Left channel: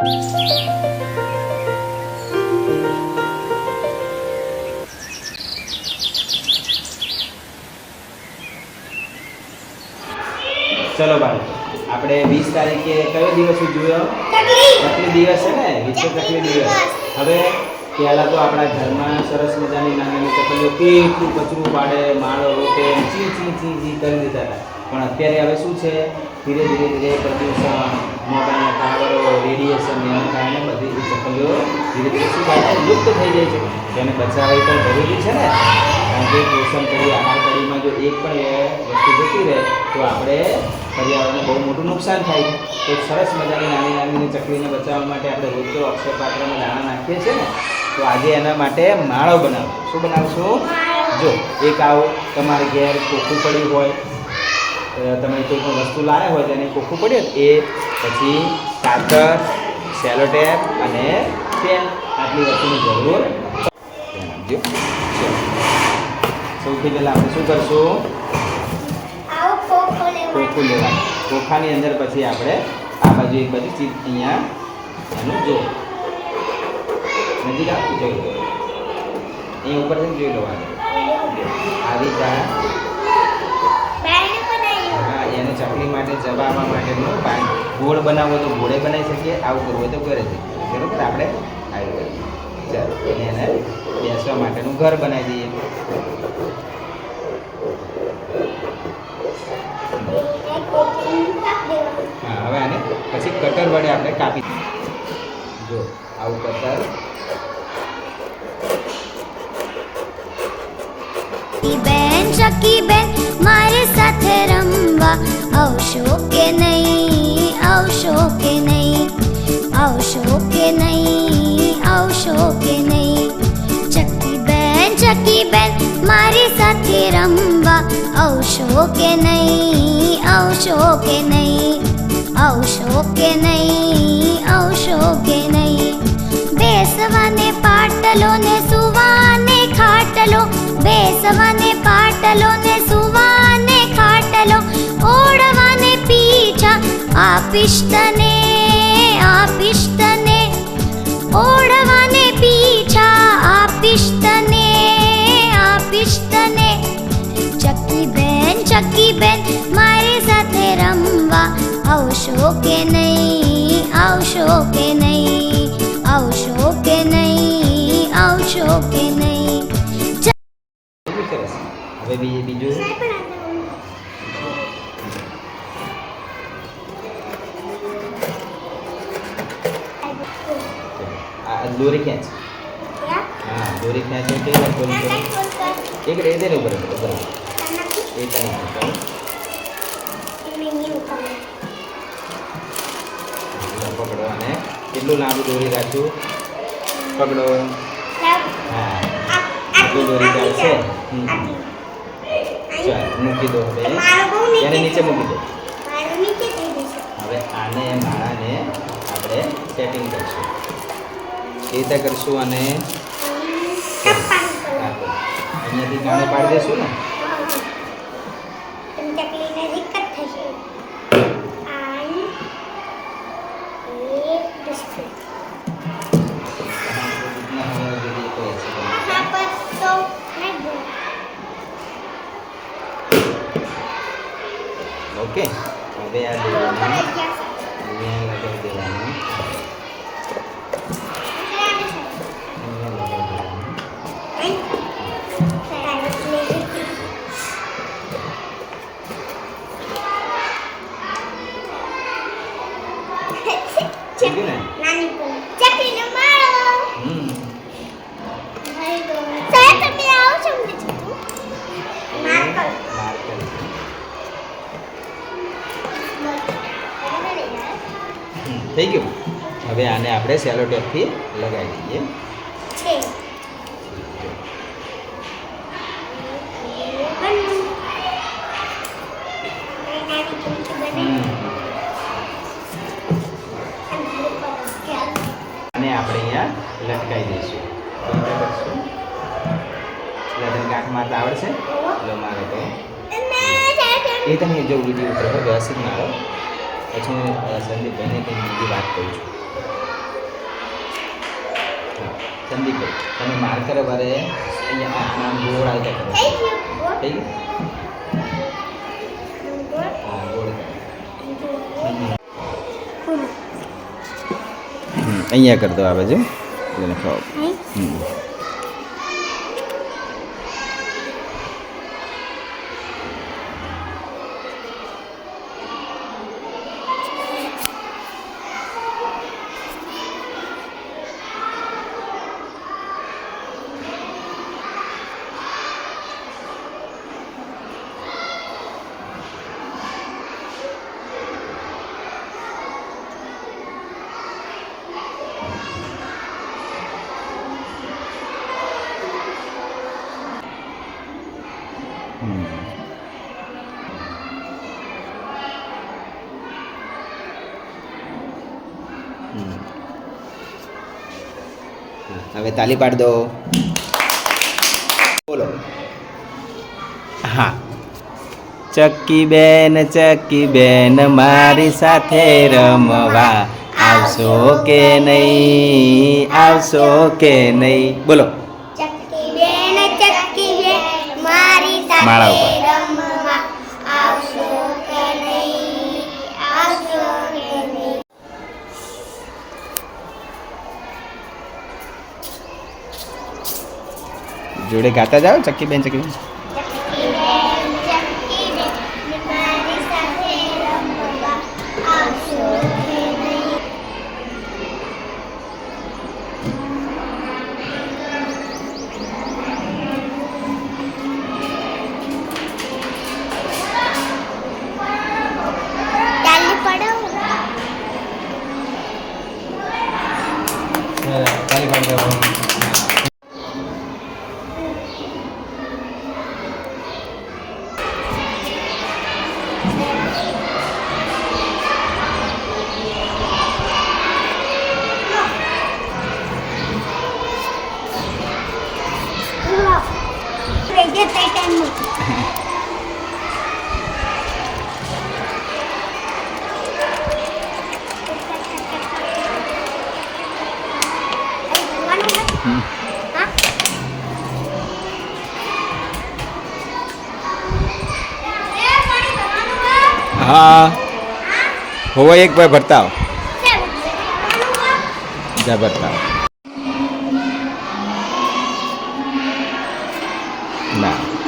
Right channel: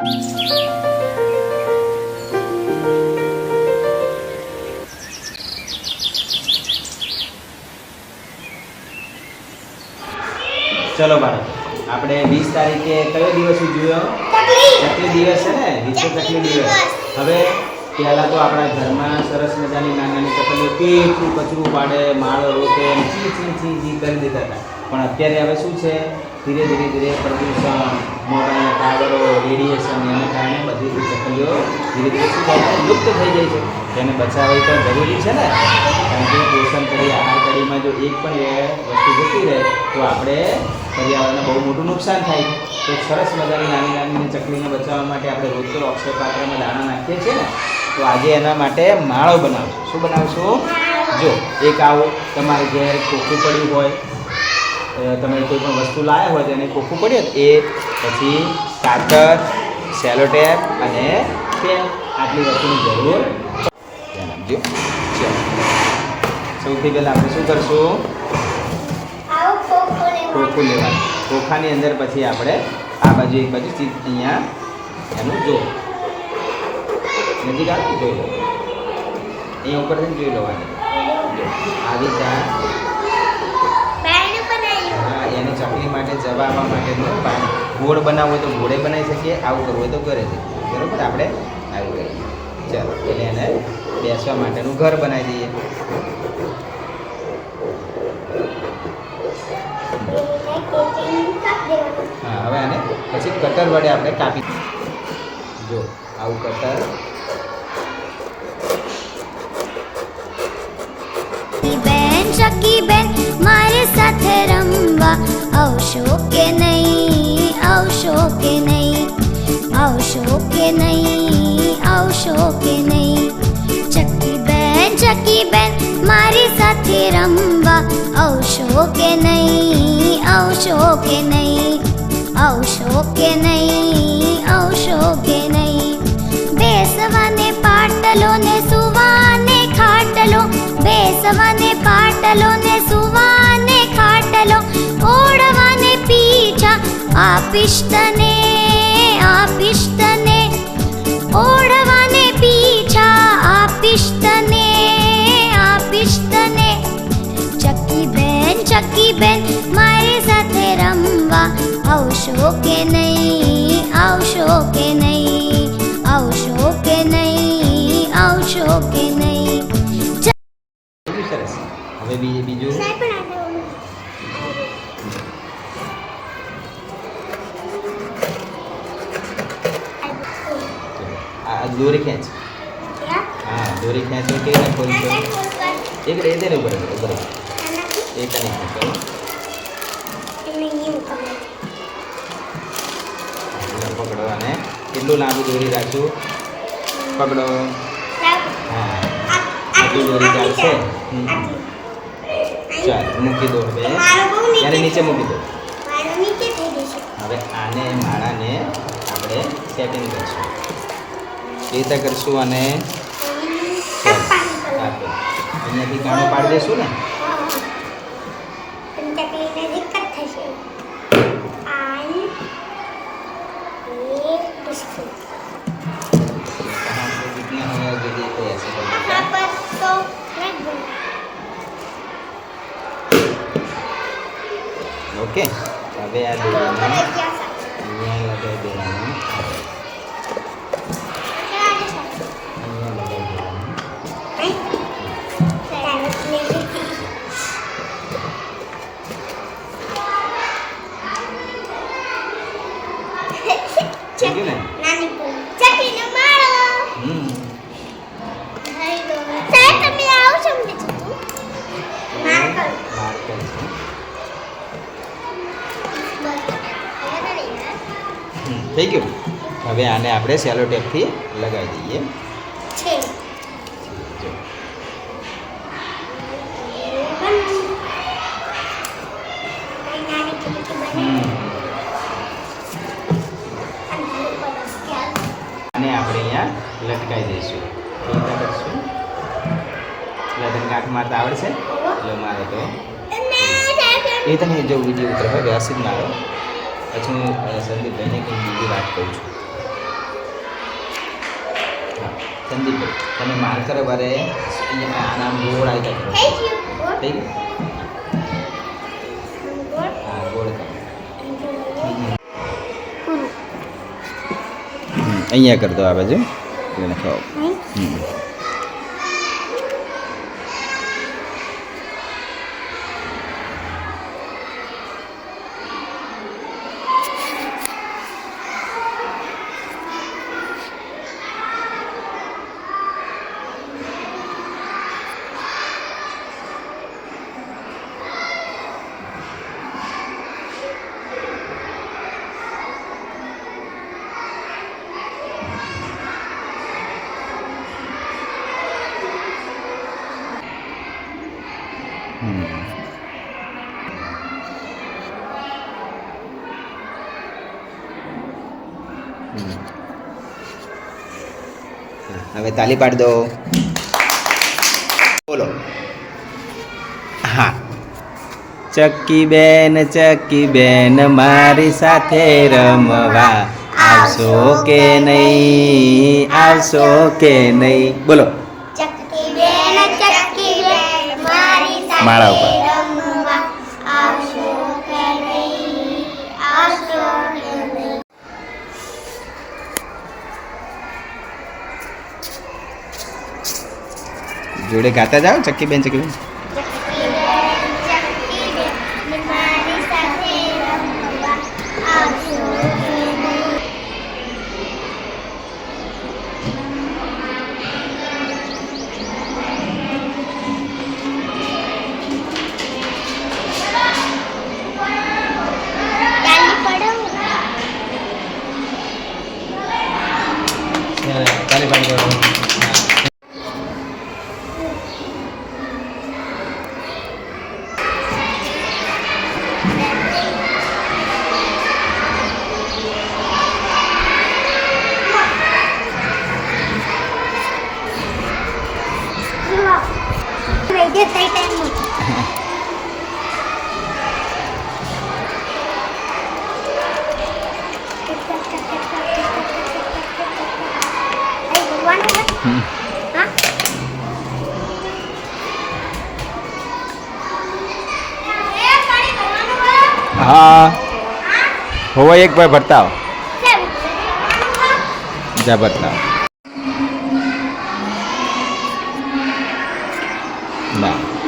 ચલો ભાઈ, આપણે વીસ તારીખે કયો દિવસ ઉજવ્યો ચકલી દિવસ છે ને? વિશ્વ ચકલી દિવસ. હવે પહેલાં તો આપણા ઘરમાં સરસ મજાની નાની નાની ચકલીઓ કેટલું કચરું પાડે માળો રોકે ચી ચી ચી ચી કરી દેતા હતા. પણ અત્યારે હવે શું છે? ધીરે ધીરે ધીરે પ્રદૂષણ, મોબાઈલના ટાવરો, રેડિયેશન, એના કારણે બધી ચકલીઓ ધીરે ધીરે શું થાય? લુપ્ત થઈ જાય છે. તેને બચાવવી પણ જરૂરી છે ને? કારણ કે પોષણ કરી આહાર કરીમાં જો એક પણ વસ્તુ જતી રહે, તો આપણે પર્યાવરણને બહુ મોટું નુકસાન થાય. તો સરસ મજાની નાની નાની ચકલીને બચાવવા માટે આપણે રોજ તો અક્ષય પાત્રમાં દાણા નાખીએ છીએ ને? તો આજે એના માટે માળો બનાવશું શું બનાવશું? જો, એક આવો. તમારે ઘેર કોકું પડ્યું હોય તમે કોઈ પણ વસ્તુ લાવ્યા હોય તેને કોખું પડે એ પછી કાતર સેલોટેપ અને પેન આટલી વસ્તુની જરૂર. ધ્યાન આપજો. સૌથી પહેલાં આપણે શું કરશું? ખોખું લેવાનું. ખોખાની અંદર પછી આપણે આ બાજુ એક બાજુ ચીપ અહીંયા એનું જો. નજીક આવે જોઈ લો. અહીંયા ઉપર જોઈ લેવાનું આવી ત્યાં એને ચકલી માટે જવાબવા માટેનું પાન. ગોળ બનાવવો તો ગોળે બનાવી શકીએ, આવું કરવું હોય તો ઘરે શકીએ બરોબર? આપણે આવી ગઈ. ચાલો એટલે એને બેસવા માટેનું ઘર બનાવી દઈએ. હા, હવે આને પછી કટર વડે આપણે કાપી જો, આવું કટર બેન, મારી સાથે રમવા આવશો કે નહીં? આવશો કે નહીં? આવશો કે નહીં? આવશો કે નહીં? ચકી બેન મારી સાથે રમવા આવશો કે નહીં? આવશો કે નહીં? આવશો કે નહીં? આવશો કે નહીં? બેસવાને પાટલો ને સુવાને ખાટલો બેસવાને પાટલો ને સુવાને ખાટલો, ઓળવાને પીછા. આપીશ તને આપીશ તને ઓળવાને પીછા. આપીશ તને આપીશ તને ચકી બેન ચકી બેન મારી સાથે રમવા આવશો કે નહીં? આવશો કે નહીં? આવશો નહીં? આવશો હવે બીજું? આ દોરી ખેંચ. હા? દોરી ખેંચ કેવી રીતે ખોલશો એક એ દે ને ઉપર ઉપર એ તને ખેંચો પકડો અને કેટલું લાંબુ દોરી રાખ્યું પકડો. હા. એટલું દોરી ચાલશે. ચાલ મૂકી દો હવે. એને નીચે મૂકી દો. હવે આને માળાને આપણે સેટિંગ કરશું. એ રીતે કરશું અને આપો. અહીંયાથી કામે પાડી દઈશું ને? कहाँ ઓકે હવે આ દોરીને અહીંયા લગાવી દેવાનું આને આપણે સેલો ટેપથી લગાવી દઈએ. અને આપણે અહીંયા લટકાવી દઈશું. કરશું લગન કાંઠ મારતા આવડશે? એટલે મારે તો. એ તમે જો વીડિયો ઉતરો વ્યવસ્થિત મારો. પછી હું સંદીપભાઈને કંઈક બીજી વાત કહું છું. હા સંદીપભાઈ તમે માર કરો બારે અહીંયા નામ ગોળ આવતા કરો. થઈ હા ગોળ અહીંયા કરતો આવે છે એટલે હમ. હવે તાલી પાડી દો. બોલો. હા. ચક્કી બેન ચક્કી બેન મારી સાથે રમવા આવશો કે નહીં? આવશો કે નહીં? બોલો ચક્કી બેન ચક્કી બેન મારી સાથે માળા ઉપર. જોડે ગાતા જાઓ ચક્કી બેન ચક્કી બેન તાલી પાડી દો હા? હોવા એક ભાઈ ભરતા જા ભરતા ના.